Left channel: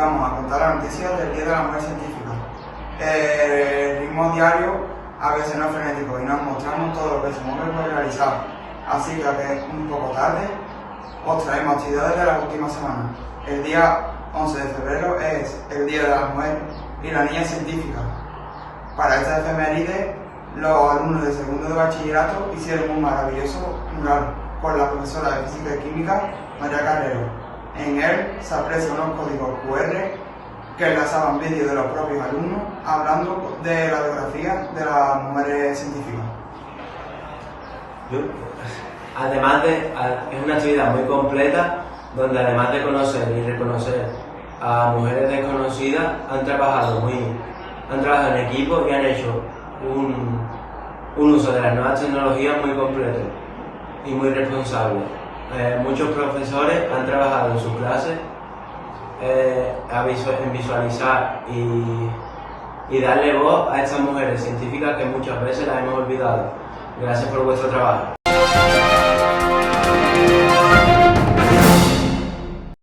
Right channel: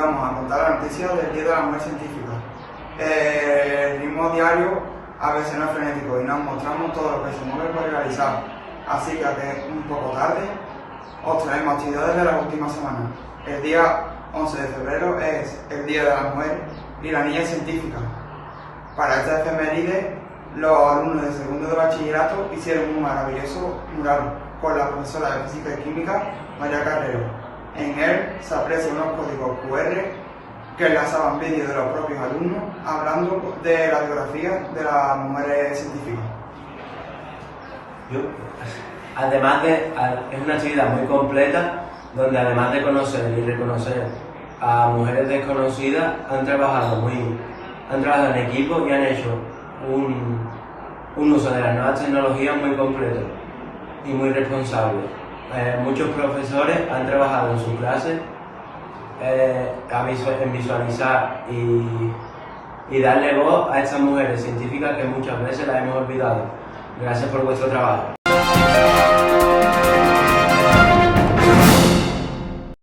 vamos a contar la noticia del Día de la Mujer Científica. El ritmo diario a veces no es frenético y nos mostramos todo lo que se mueve por realizar. Así que un poco tarde os traemos actividades de la última semana. El día 11 de febrero es el Día de la Mujer y la Niña Científica. Para esta efeméride, los alumnos de segundo de bachillerato hicieron un maravilloso mural con la profesora de Física y Química, María Carrero. En él se aprecian unos códigos QR que enlazaban vídeos de los propios alumnos hablando de la biografía de las mujeres científicas. Además es una actividad muy completa donde además de conocer y reconocer a mujeres desconocidas han trabajado en equipo y han hecho un uso de las nuevas tecnologías muy completo y muy responsable. Muchos profesores han trabajado en su clase en visualizar y darle voz a estas mujeres científicas que muchas veces las hemos olvidado. Gracias por vuestro trabajo.